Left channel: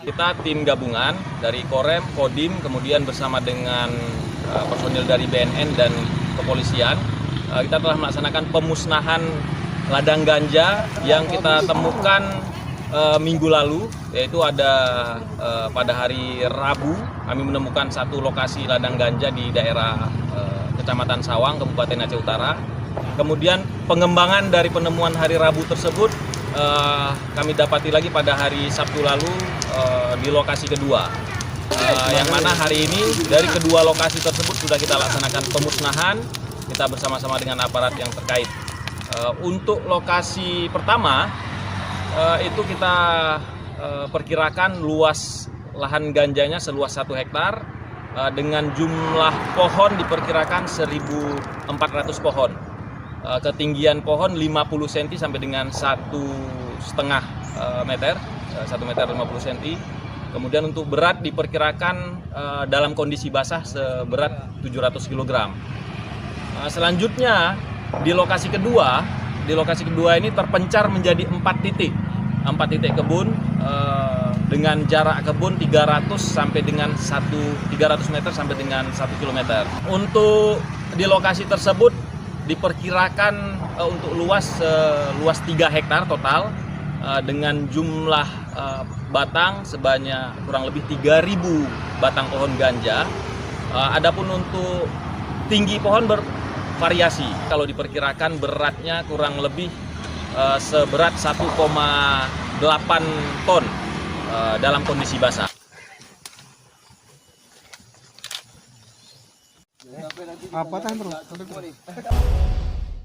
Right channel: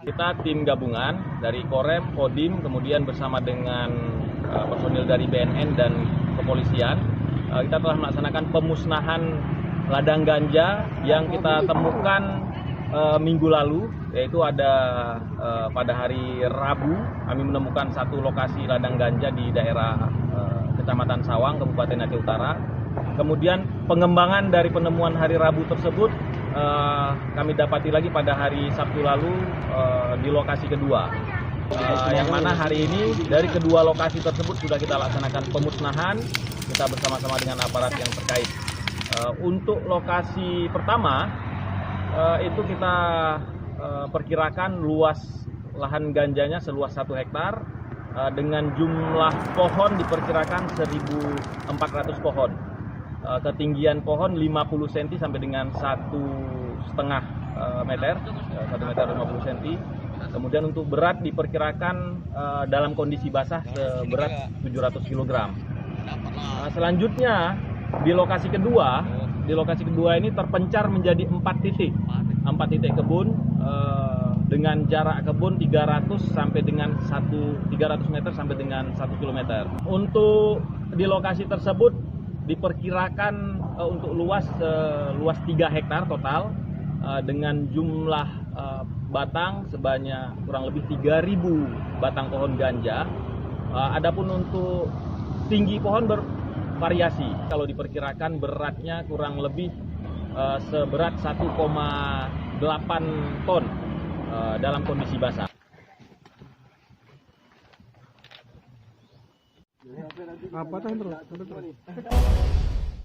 Kita tim gabungan dari Korem, Kodim, kemudian bersama dengan personil dari BNN dan kepolisian, kita telah melaksanakan pemusnahan ladang ganja yang kita temukan minggu lalu, yaitu ada pada hari Rabu kami menemukan satu lokasi ladang ganja di daerah Kecamatan Sawang, Kabupaten Aceh Utara. Kemudian pengembangan dari penemuan hari Rabu tersebut kami dapati lagi pada hari Sabtu lalu di lokasi kedua, yang mana hari ini dari kedua lokasi tersebut sudah kita laksanakan pemusnahan kita bersama-sama dengan aparat yang terkait. Untuk lokasi pertama itu kita perkirakan luas lahan ganjanya seluas 1 hektar dengan jumlah pohon diperkirakan 1.400 pohon. Ketinggian pohon 50 cm sampai dengan 1,5 meter, 1 meter 50 cm. Kemudian untuk berat diperkirakan dalam kondisi basah seberat 700 kg. Selanjutnya di lokasi kedua ini terpencar menjadi 4 titik kebun dengan jarak kebun 300 meter sampai dengan 1 km. Untuk di lokasi tersebut diperkirakan untuk luas 3 hektar total dengan jumlah batang sebanyak kurang lebih 3.000 batang pohon ganja. Adapun untuk tinggi pohon bervariasi. Kalau diperkirakan beratnya kurang lebih seberat 1,8 ton dalam kondisi basah. Apa